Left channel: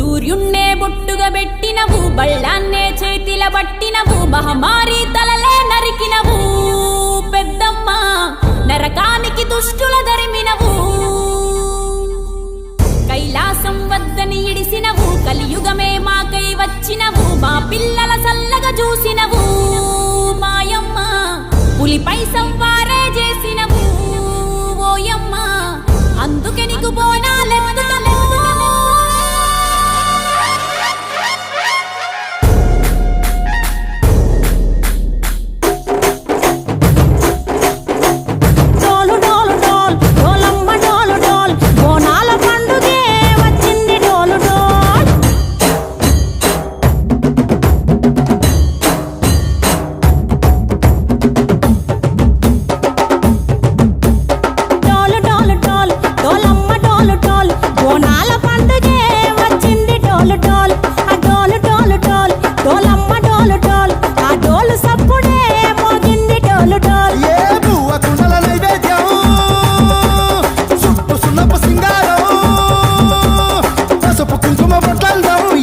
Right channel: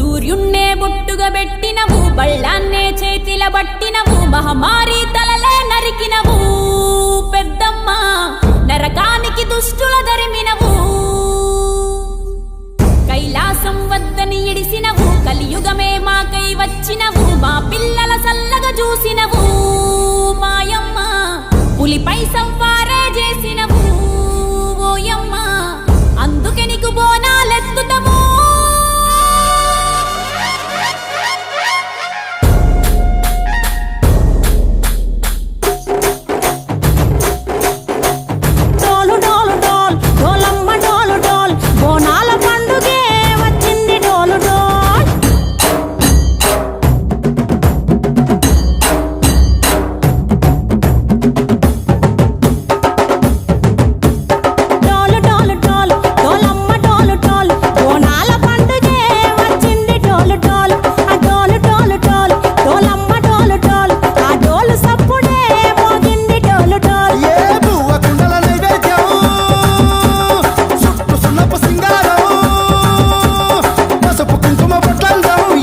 సూర్యున్నే బొట్టుగా పెట్టినవు, బళ్ళాన్నే చేతిల బట్టినవు, మహమారి తలలే నరికినవు పెద్దమ్మ, నరకానికి దుష్టుల దరిమినవు. కైలాసం వద్దని ఇడిసినవు, కలియుగమే మాకై వచ్చినవు, మా పిల్లల సల్లగా చూసినవు మాయమ్మ, పులిపై సంవారే చేసినవు ఓయమ్మ, అందుకే నీకు బోనాలెత్తుతము.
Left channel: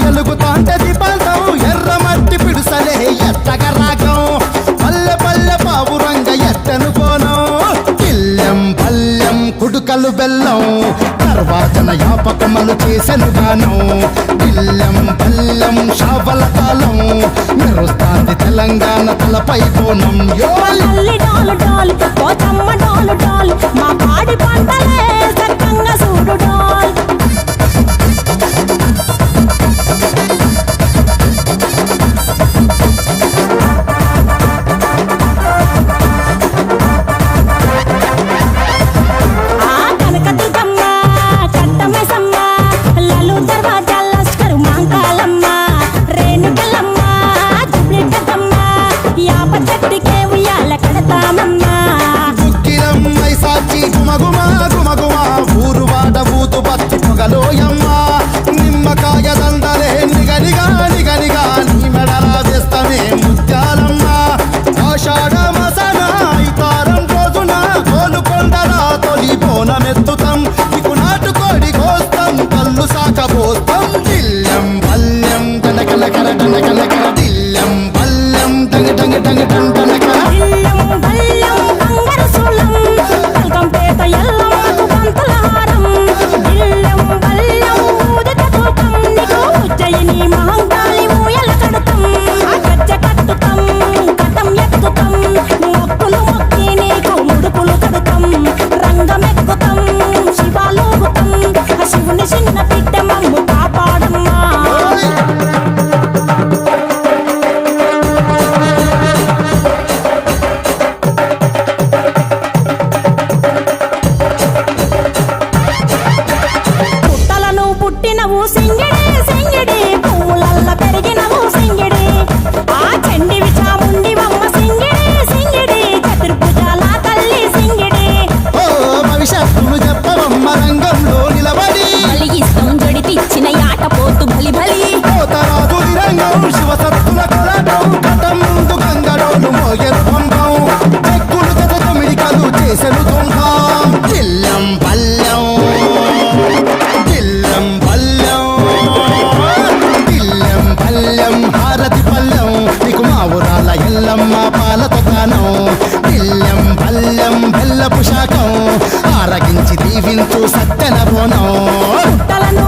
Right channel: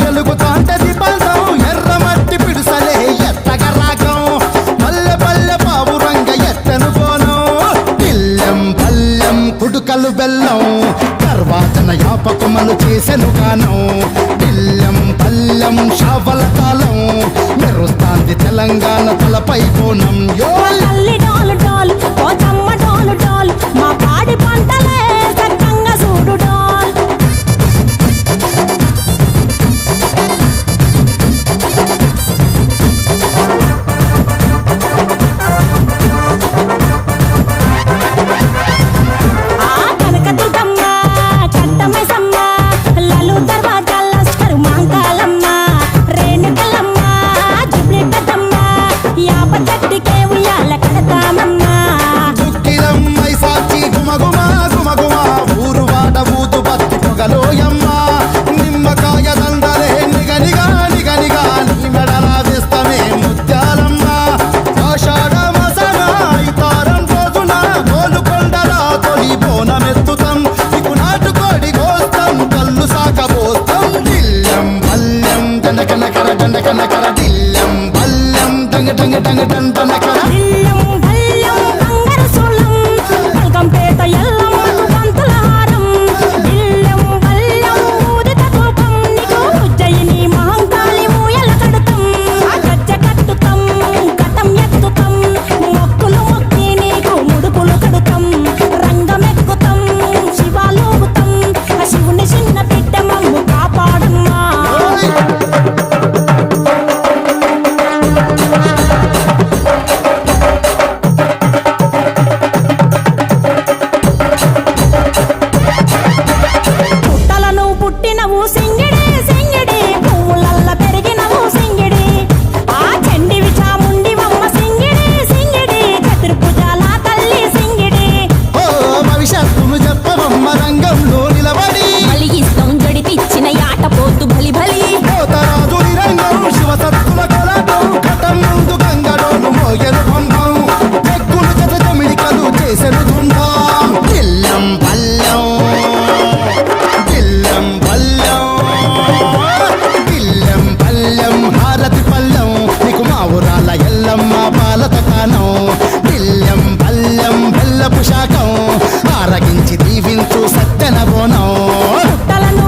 ఎలుగుతాంటే దీపాంతం ఎర్రమట్టి పిడుసలే ఎత్తగా రాగం, పల్లె పల్లె పావురంగ ఎత్తను కోనం, పిల్లెం పల్లెం కుడుకలు బెల్లం, తర్వాతన యాపకమలు చేసెను గానం, పిల్లెం పల్లెం షావల కాలం, మెరుస్తాంది తెలంగాణ తలపై కోనం. మా పాడి పంటలే సక్కంగా చూడు డాల్. దుక్కిలమ్మై సాచి గుమగుమ గుమగుమ, ఊరు వాడ ఊదు బత్తి పొగలోయమ్మ, నిమ్మకాయ దండలే నిగనిగా నిగనిగా, నీ మెడలా వేస్తమే ముత్యాలమ్మ, ఆషాఢ మాసన ఇతారం రోజున గోలుకొండలా తొలి బోనమెత్తుతాం, నీకు నాటుకోడి కోస్తాం, కళ్ళు సాకబోస్తాం, దిల్లెం పల్లెం దండకనకర దండకనకర, దిల్లెం పల్లెం డంగ డంగ డంగ డండనకర, పల్కంపేట ఎల్లమ్మకు పంతుల హారం, బిల్లెం బల్లెం ఊదిత ధూపం, నీకు ఉజ్జయిని మహంకాళి ఊయల కడతాం, గజ్జ కట్టుతాం కటం ఎత్తుతాం, మొక్కులు మొక్కి నీకు ముడుపులు కడుతాం, రంగమెక్కుతాం శివాలోగుతాం, శివుని చిన్న బిడ్డ మమ్ము కాపాడమ్మా. పుట్టినవు సింగిడి సింగిడి, పువ్వులల్ల పెరిగినవు సింగిడి, ఆ చండివి చాముండివమ్మ సింగిడి సింగిడి, చతుర్భుజాల తల్లి సింగిడి. ఓ భవిష్యత్తును చెప్పవమ్మ రంగంలో నిలబడి, బలిగిస్తాం జడితిచ్చిన యాట పోతు బలి బలి, పోతరాజు నిరంగం శివసత్తుల కొలటం, కటం ముందు గంగడోలు మోయను పంపం, చెక్కులు జత జమిడికలు చేసెను తుంటాం, దిల్లెం పల్లెం దిల్లెం పల్లెం దిల్లెం పల్లెం హారతి పల్లెం, నీకు మా ఊరాల ఎల్లమ్మ పాలతో కానం, దిల్లెం పల్లెం బెల్లపు శాఖం, ఆరగించి దీవించు సత్యన బోనం. పుట్టలను